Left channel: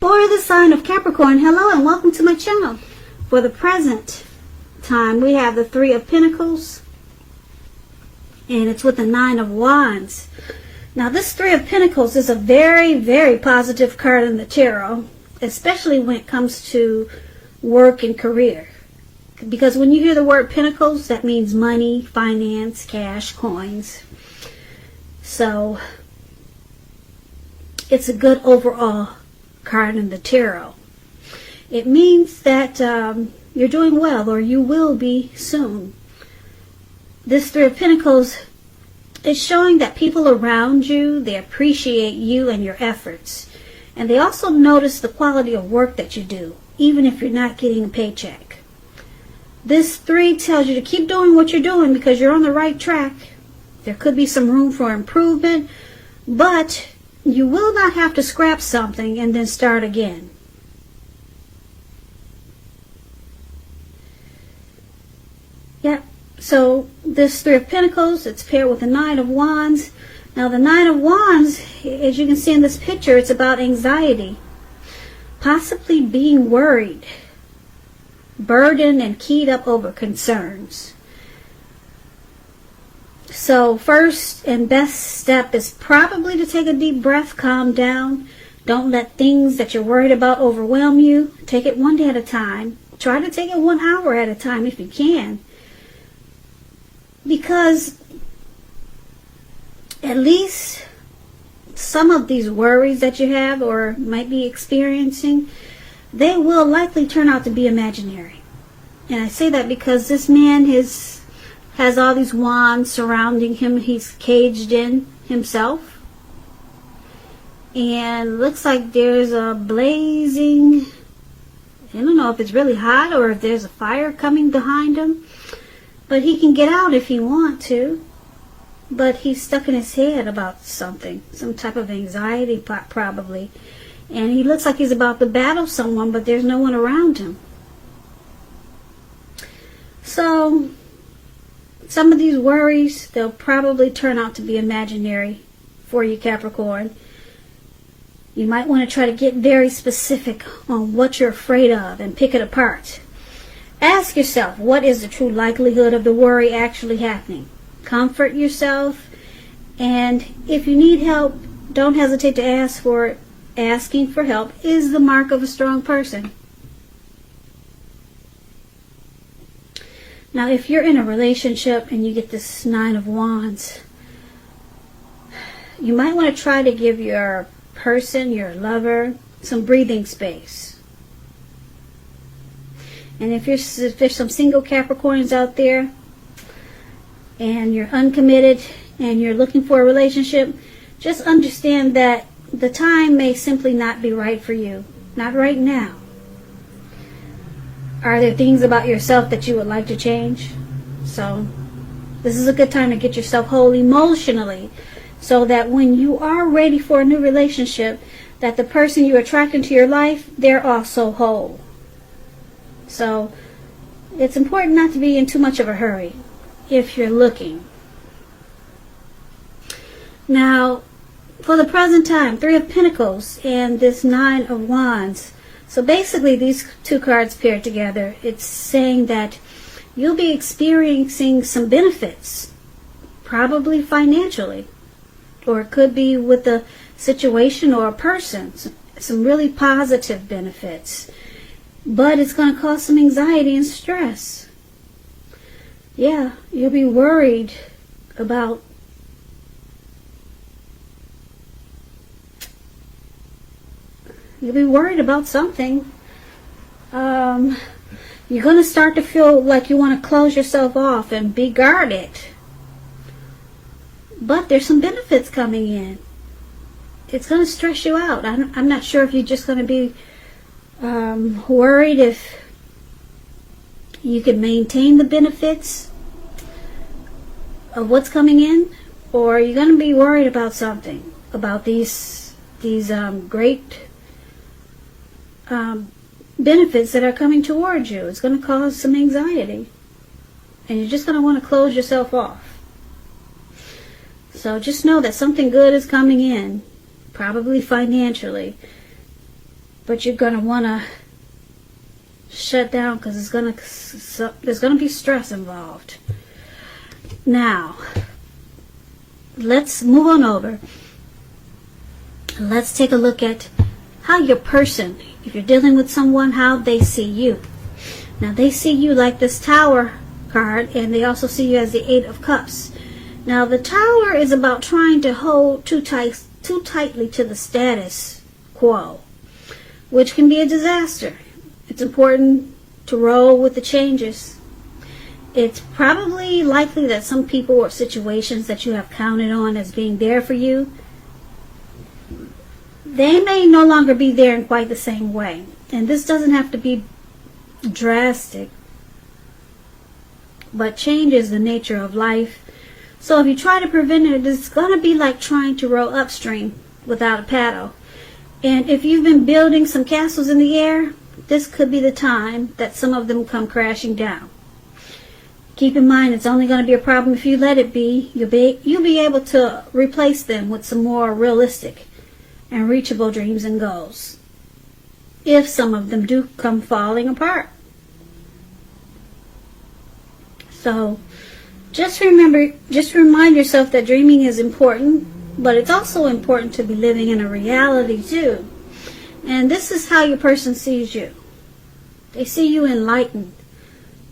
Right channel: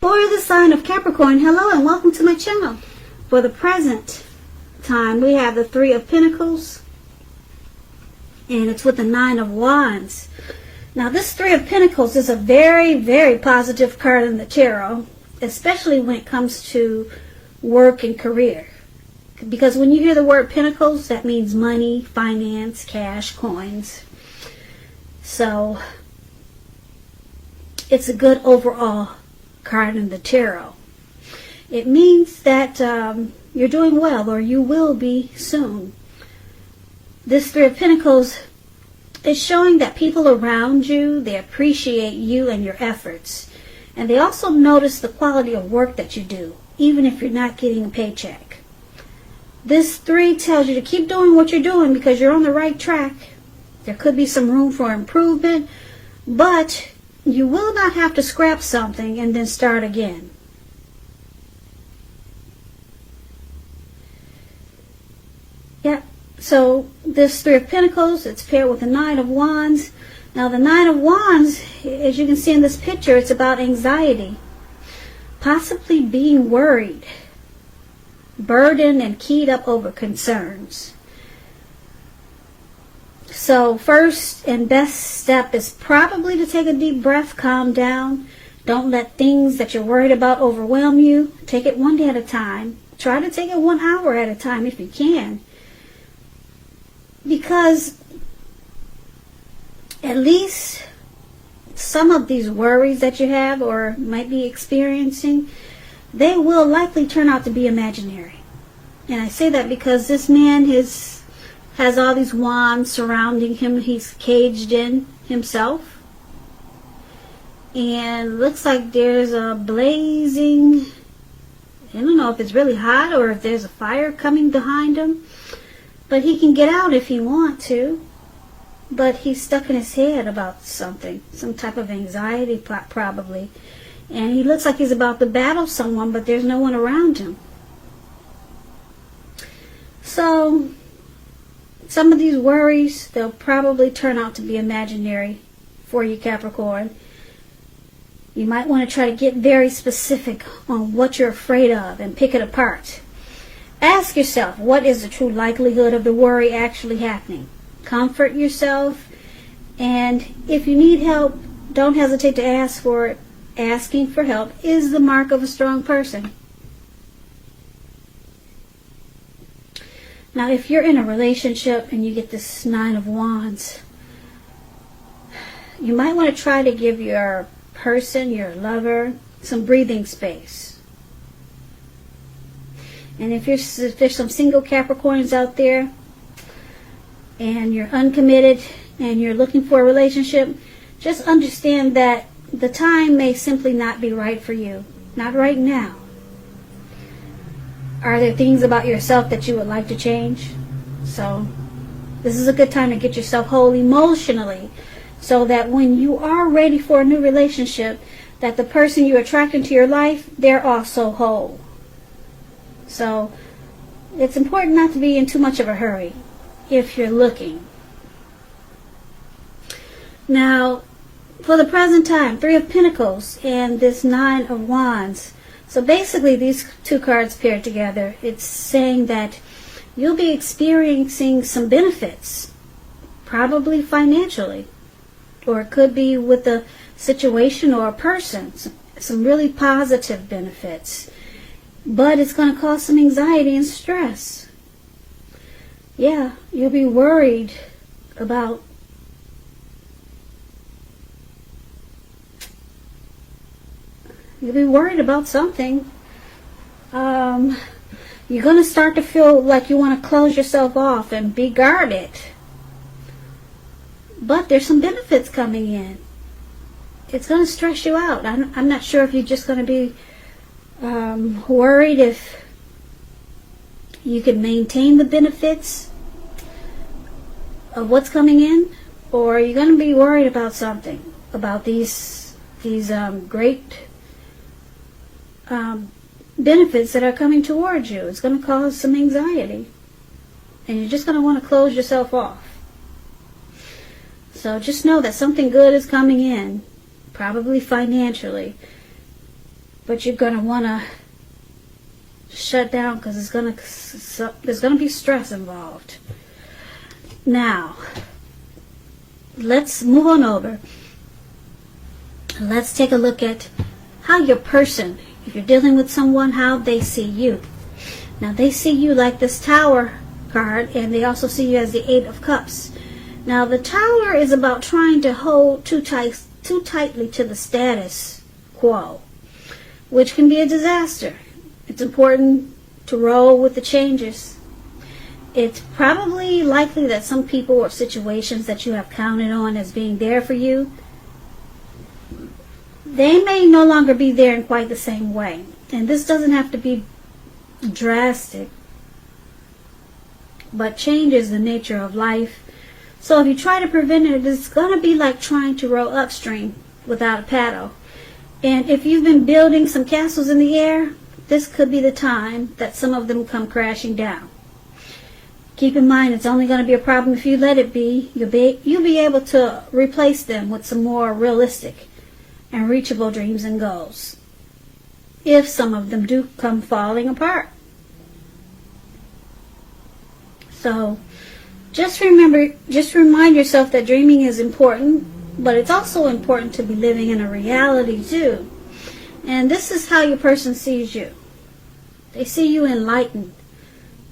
For the sign of Capricorn, hello and welcome to my channel. For the present time, we have the Three of Pentacles, and it's with the Nine of Wands. Now, this Three of Pentacles is a very, very positive card in the tarot, especially when it comes to work and career. Because when you hear the word Pentacles, that means money, finance, cash, coins. So, it's a good overall card in the tarot. It means that you're doing well, or you will be soon. This Three of Pentacles is showing that people around you, they appreciate you and your efforts. And they also notice the quality of work that you do, even if you're not getting a paycheck. This three tells you to keep doing what you're doing because you're on the right track. There could be some room for improvement, but you will not have to scrap something and then start again. Yeah, so this Three of Pentacles, it's paired with the Nine of Wands. Now the Nine of Wands, as you can see in this picture, it's about anxiety. Possibly being worried, burdened, and keyed up over concerns. So first and best step is probably to take a deep breath, calm down. Don't let things that you're worried about overwhelm you. Take it one day at a time. Try to take it 1 hour at a time if you can. Because at least some of these worries that you have or might be experiencing, they will likely turn out to be imaginary. And I say that because this man has all these wands surrounding him. He's caged in himself. And looks like there's a blazing, I don't know if it's really hot or if there's a fire coming behind him. But he can get out if he wants to. But he's stuck in his head about something. Some type of anxiety probably. And he looks like he's about to battle someone, but there's no one around him. So some of these worries, they'll probably turn out to be imaginary for you, Capricorn. You might want to try to get very specific on what you're afraid of and pick it apart. Ask yourself, what is the true likelihood of the worry actually happening? Comfort yourself, and if you need help, don't hesitate to ask for it. Asking for help is the mark of a strong person. Now, if you're in a relationship and you get this Nine of Wands, you might want to try to give your person, your lover, some breathing space. And if there's some single Capricorns out there and you're uncommitted and you're looking for a relationship, just understand that the time may simply not be right for you. Not right now. Are there things about yourself that you would like to change? So this is a good time to get yourself whole emotionally, so that when you are ready for a new relationship, that the person you're attracting to your life, they're also whole. So it's important not to be in too much of a hurry if you're looking. Now, for the present time, Three of Pentacles and this Nine of Wands. So basically these two cards paired together, it's saying that you'll be experiencing some benefits, probably financially, or it could be with a situation or a person, some really positive benefits. But it's going to cause some anxiety and stress. Yeah, you'll be worried about something. You're going to start to feel like you want to close yourself off and be guarded. But there's some benefits coming in. It's going to stress you out. I'm not sure if you're just going to be worried if you can maintain the benefits of what's coming in, or you're going to be worried about something, about these great benefits that are coming towards you. It's going to cause some anxiety, and you're just going to want to close yourself off. So just know that something good is coming in, probably financially. but you're going to want to shut down because there's going to be stress involved. Now, let's move on over. Let's take a look at how your person, if you're dealing with someone, how they see you. Now, they see you like this Tower card, and they also see you as the Eight of Cups. Now, the Tower is about trying to hold too tightly to the status quo, which can be a disaster. It's important to roll with the changes. It's probably likely that some people or situations that you have counted on as being there for you, they may no longer be there in quite the same way. And this doesn't have to be drastic, but change is the nature of life. So if you try to prevent it, it's going to be like trying to row upstream without a paddle. And if you've been building some castles in the air, this could be the time that some of them come crashing down. Keep in mind, it's only going to be a problem if you let it be. You'll be able to replace them with some more realistic and reachable dreams and goals, if some of them do come falling apart. So just remind yourself that dreaming is important, but it's also important to be living in a reality too. And this is how your person sees you. They see you enlightened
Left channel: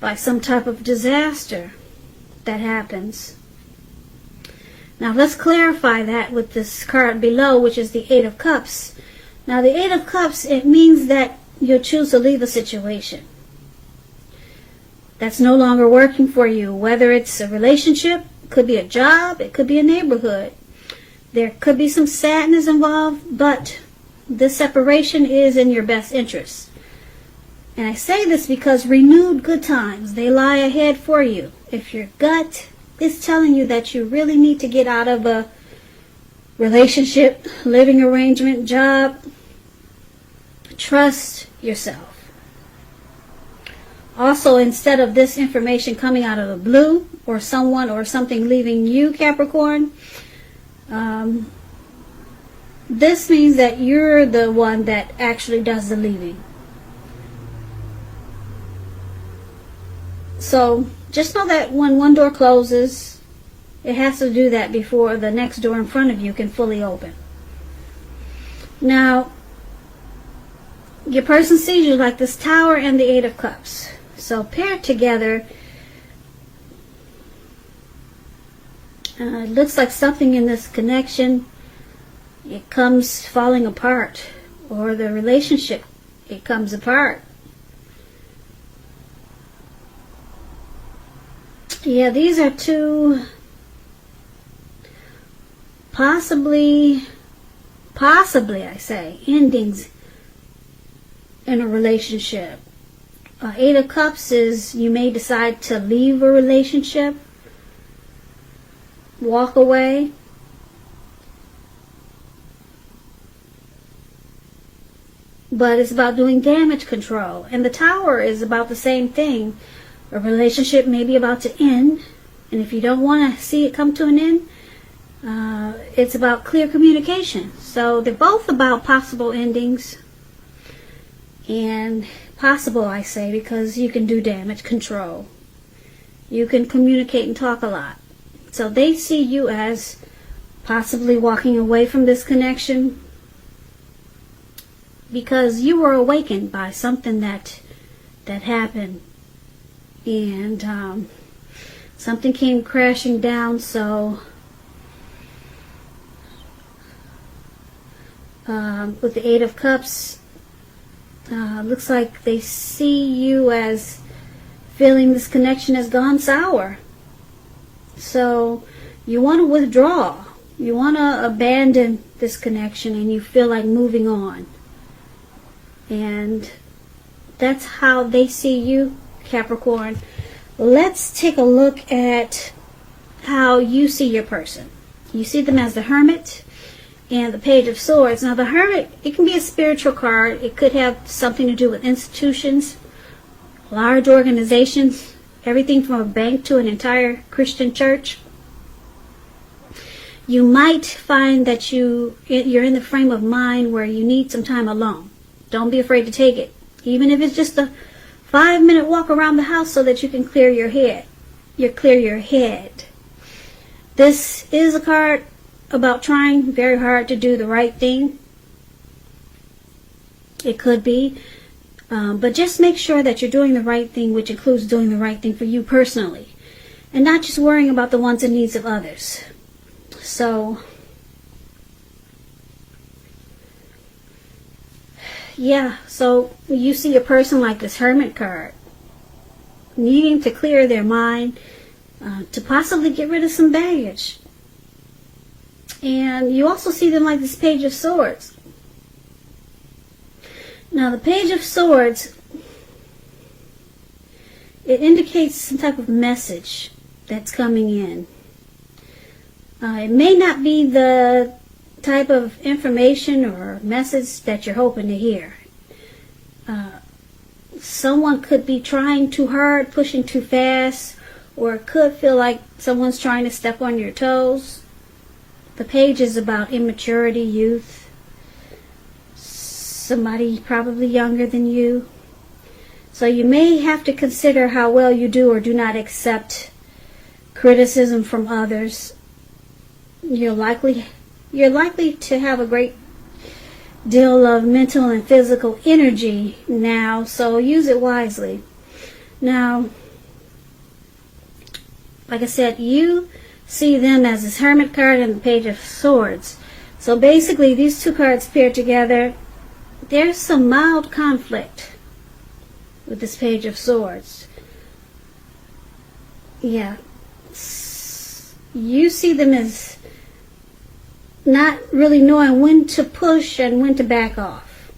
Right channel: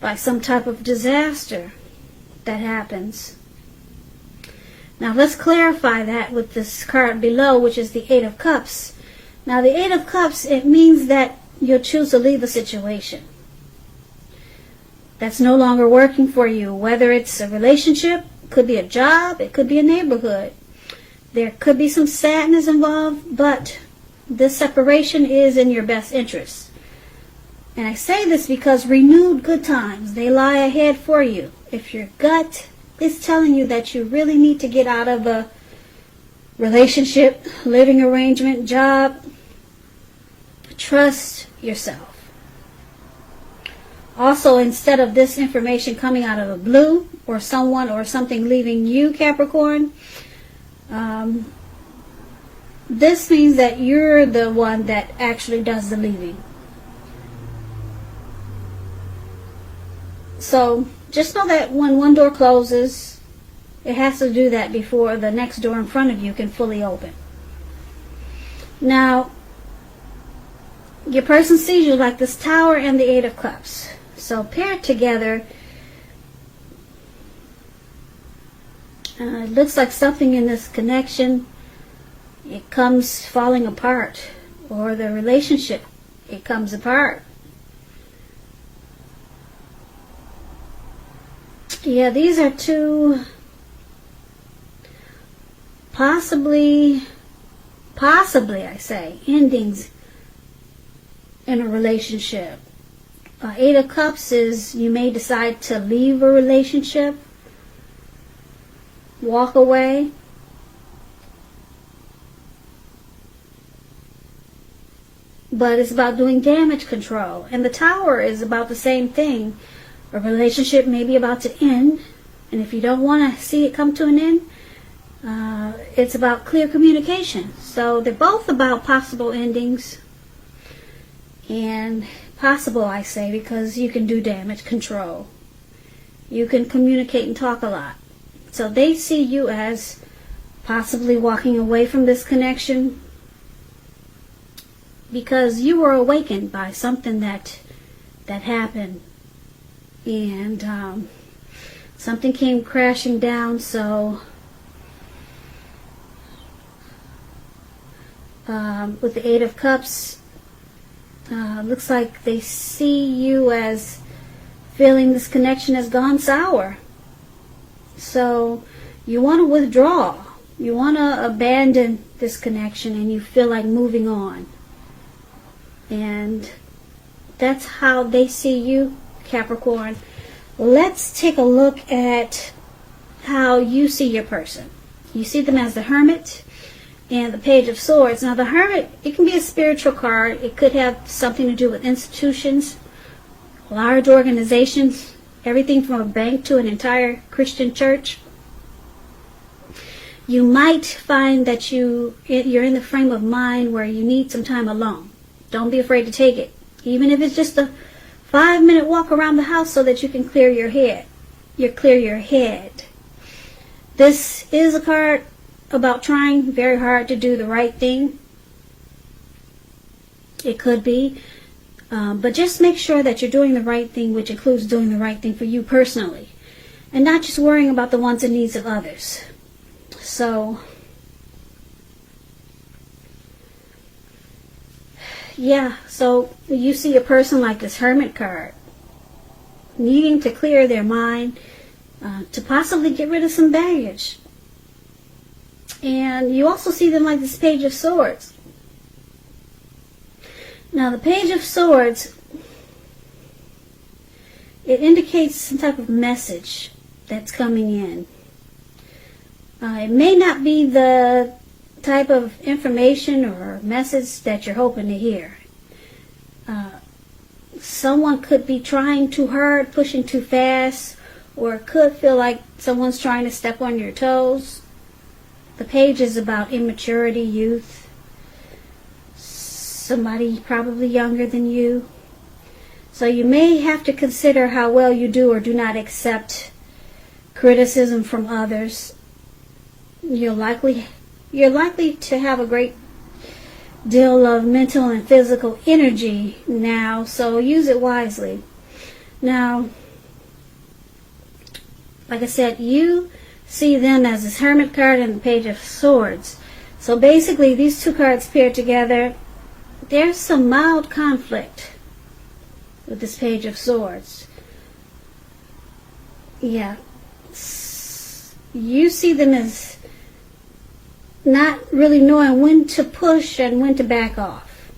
by some type of disaster that happens. Now let's clarify that with this card below, which is the Eight of Cups. Now the Eight of Cups, it means that you'll choose to leave a situation that's no longer working for you, whether it's a relationship, it could be a job, it could be a neighborhood. There could be some sadness involved, but this separation is in your best interest. And I say this because renewed good times, they lie ahead for you. If your gut is telling you that you really need to get out of a relationship, living arrangement, job, trust yourself. Also, instead of this information coming out of the blue, or someone or something leaving you, Capricorn, this means that you're the one that actually does the leaving. So just know that when one door closes, it has to do that before the next door in front of you can fully open. Now, your person sees you like this Tower and the Eight of Cups. So paired together, it looks like something in this connection, it comes falling apart, or the relationship, it comes apart. Yeah, these are two possibly I say, endings in a relationship. Eight of Cups is you may decide to leave a relationship, walk away. But it's about doing damage control. And the Tower is about the same thing. A relationship may be about to end, and if you don't want to see it come to an end, it's about clear communication. So they're both about possible endings, and possible I say because you can do damage control. You can communicate and talk a lot. So they see you as possibly walking away from this connection because you were awakened by something that happened. And something came crashing down, so with the Eight of Cups, looks like they see you as feeling this connection has gone sour. So you want to withdraw. You want to abandon this connection, and you feel like moving on. And that's how they see you, Capricorn. Let's take a look at how you see your person. You see them as the Hermit and the Page of Swords. Now the Hermit, it can be a spiritual card. It could have something to do with institutions, large organizations, everything from a bank to an entire Christian church. You might find that you're in the frame of mind where you need some time alone. Don't be afraid to take it. Even if it's just a 5-minute walk around the house so that you can clear your head. You clear your head. This is a card about trying very hard to do the right thing. It could be. But just make sure that you're doing the right thing, which includes doing the right thing for you personally. And not just worrying about the wants and needs of others. So, yeah, so you see a person like this Hermit card needing to clear their mind, to possibly get rid of some baggage. And you also see them like this Page of Swords. Now the Page of Swords, it indicates some type of message that's coming in. It may not be the type of information or message that you're hoping to hear. Someone could be trying too hard, pushing too fast, or it could feel like someone's trying to step on your toes. The page is about immaturity, youth. Somebody probably younger than you. So you may have to consider how well you do or do not accept criticism from others. You're likely to have a great deal of mental and physical energy now, so use it wisely. Now, like I said, you see them as this Hermit card and the Page of Swords. So basically, these two cards paired together, there's some mild conflict with this Page of Swords. Yeah. You see them as not really knowing when to push and when to back off.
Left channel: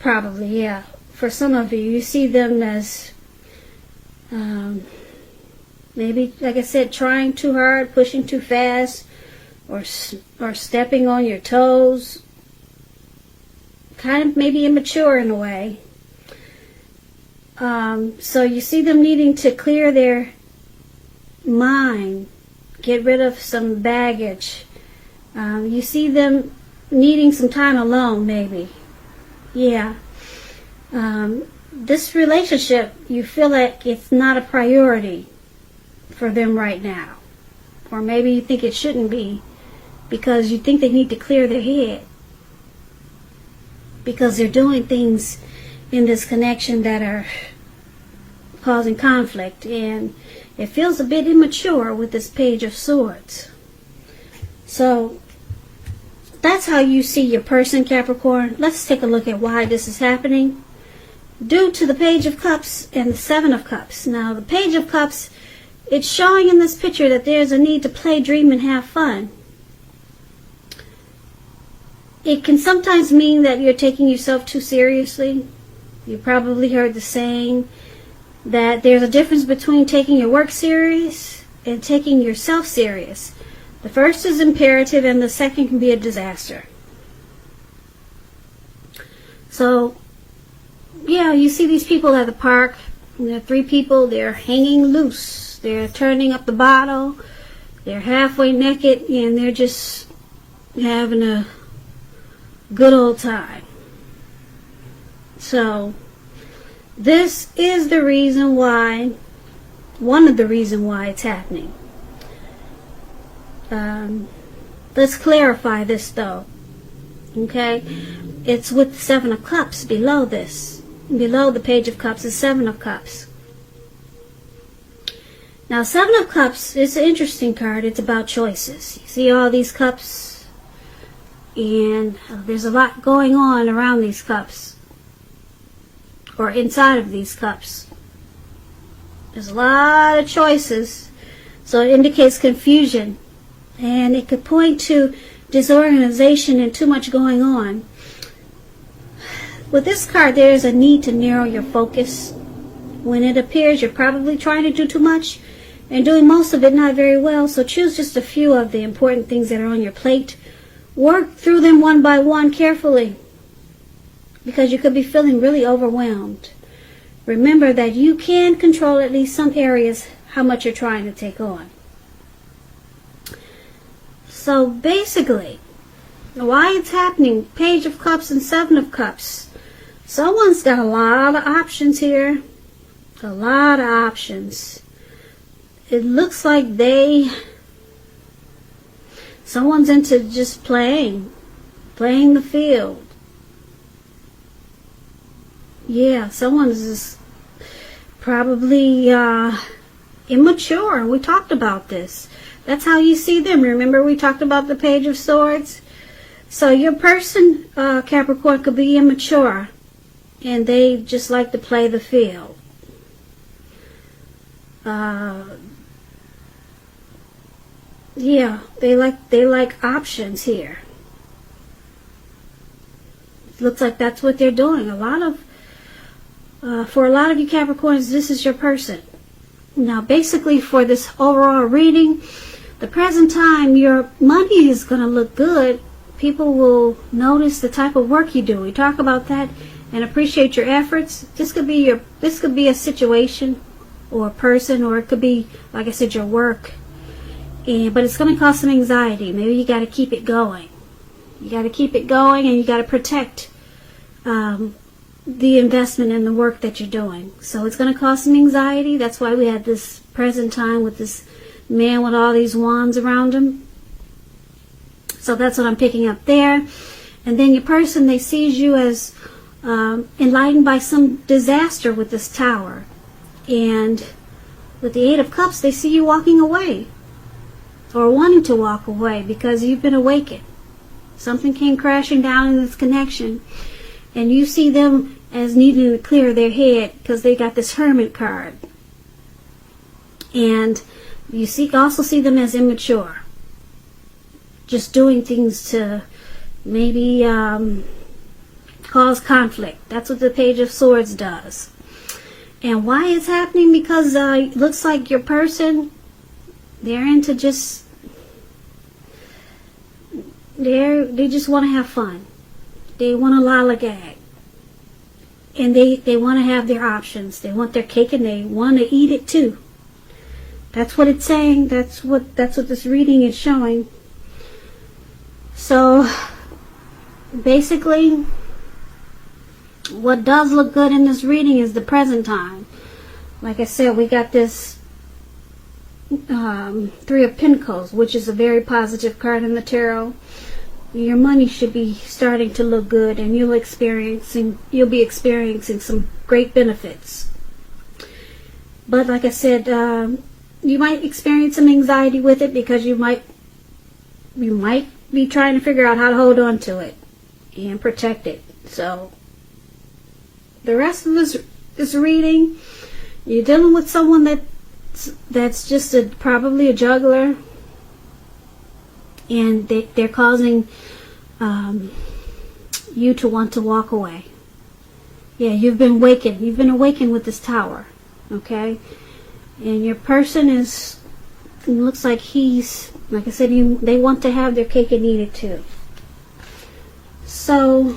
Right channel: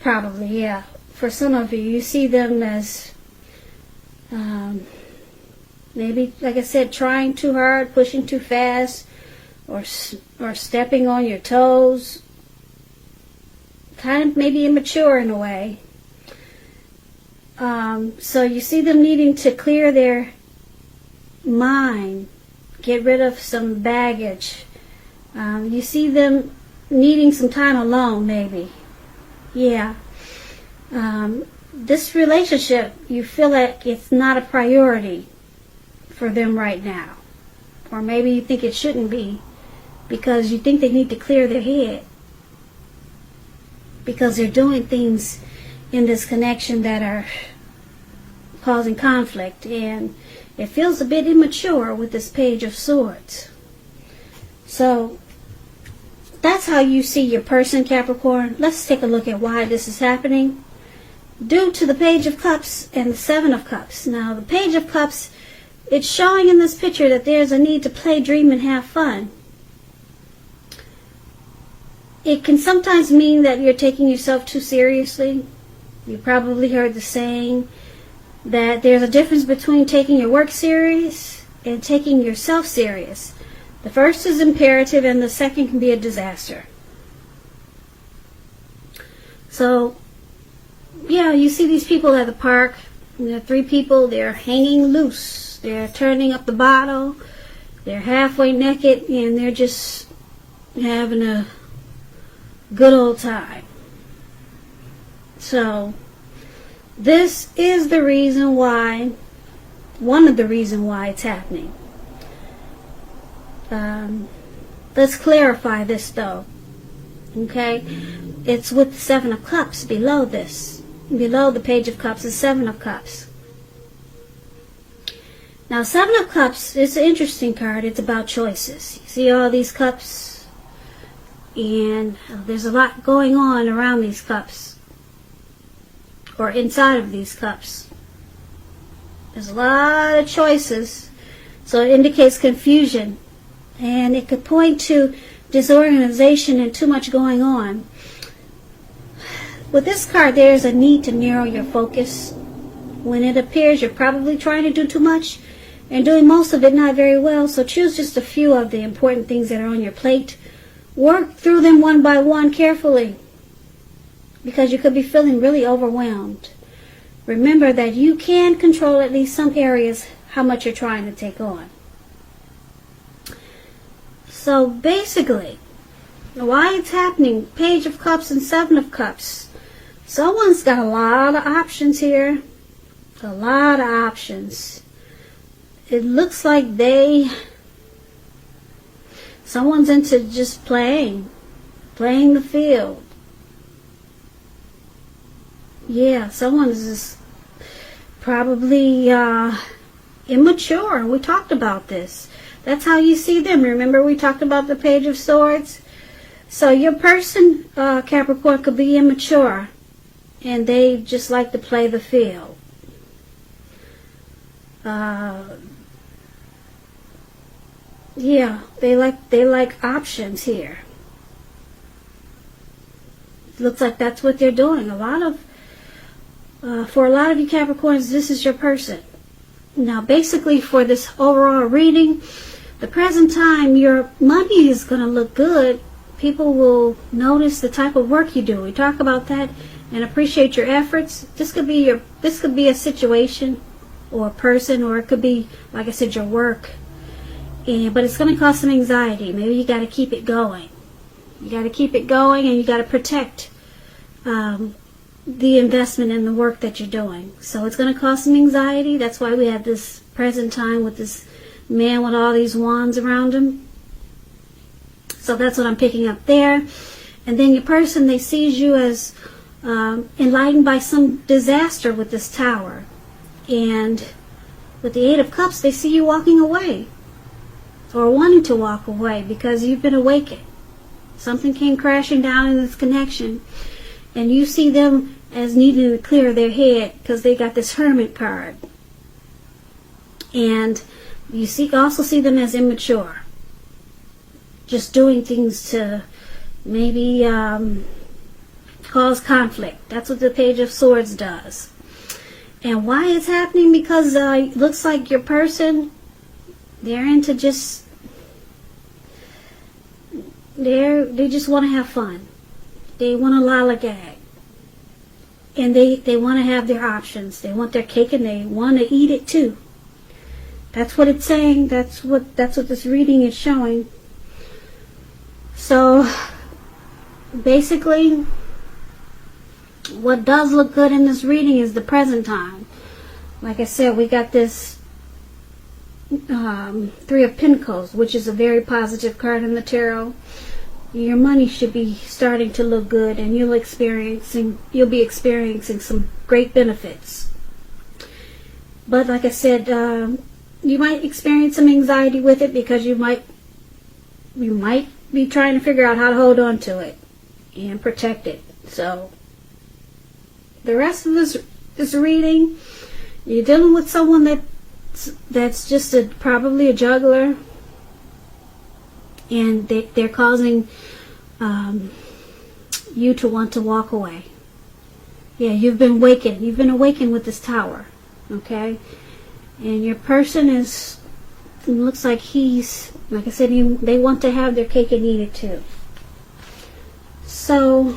Probably, yeah. For some of you, you see them as maybe, like I said, trying too hard, pushing too fast, or stepping on your toes. Kind of maybe immature in a way. So you see them needing to clear their mind, get rid of some baggage. You see them needing some time alone, maybe. Yeah. This relationship, you feel like it's not a priority for them right now. Or maybe you think it shouldn't be, because you think they need to clear their head. Because they're doing things in this connection that are causing conflict, and it feels a bit immature with this Page of Swords. So that's how you see your person, Capricorn. Let's take a look at why this is happening. Due to the Page of Cups and the Seven of Cups. Now the Page of Cups, it's showing in this picture that there's a need to play, dream, and have fun. It can sometimes mean that you're taking yourself too seriously. You probably heard the saying that there's a difference between taking your work serious and taking yourself serious. The first is imperative and the second can be a disaster. So, yeah, you see these people at the park. There are 3 people, they're hanging loose. They're turning up the bottle. They're halfway naked and they're just having a good old time. So, this is the reason why, one of the reasons why it's happening. Let's clarify this though. Okay? It's with the Seven of Cups below this. Below the Page of Cups is Seven of Cups. Now, Seven of Cups is an interesting card. It's about choices. You see all these cups? And there's a lot going on around these cups. Or inside of these cups. There's a lot of choices. So it indicates confusion. And it could point to disorganization and too much going on. With this card, there is a need to narrow your focus. When it appears you're probably trying to do too much and doing most of it not very well. So choose just a few of the important things that are on your plate. Work through them one by one carefully, because you could be feeling really overwhelmed. Remember that you can control at least some areas how much you're trying to take on. So basically, Why it's happening? Page of Cups and Seven of Cups. Someone's got a lot of options here. A lot of options. It looks like someone's into just playing the field. Yeah, someone's just probably immature. We talked about this. That's how you see them. Remember we talked about the Page of Swords? So your person, Capricorn, could be immature, and they just like to play the field. Yeah, they like options here. Looks like that's what they're doing. For a lot of you Capricorns, this is your person. Now, basically, for this overall reading, the present time, your money is going to look good. People will notice the type of work you do. We talk about that and appreciate your efforts. This could be a situation or a person, or it could be, like I said, your work. But it's going to cause some anxiety. Maybe you got to keep it going. You got to keep it going, and you got to protect the investment in the work that you're doing. So it's going to cause some anxiety. That's why we have this present time with this man with all these wands around him. So that's what I'm picking up there. And then your person, they sees you as enlightened by some disaster with this Tower. And with the Eight of Cups, they see you walking away, or wanting to walk away, because you've been awakened. Something came crashing down in this connection, and you see them as needing to clear their head because they got this Hermit card. And you also see them as immature, just doing things to maybe cause conflict. That's what the Page of Swords does. And why it's happening? Because it looks like your person, they're into just, they just want to have fun. They want to lollygag. And they want to have their options. They want their cake and they want to eat it too. That's what it's saying. That's what this reading is showing. So basically, what does look good in this reading is the present time. Like I said, we got this Three of Pentacles, which is a very positive card in the tarot. Your money should be starting to look good, and you'll be experiencing some great benefits. But like I said, you might experience some anxiety with it because you might be trying to figure out how to hold on to it and protect it. So the rest of this reading, you're dealing with someone that's just probably a juggler, and they're causing you to want to walk away. Yeah, you've been awakened. You've been awakened with this Tower, okay? And your person it looks like like I said, they want to have their cake and eat it too. So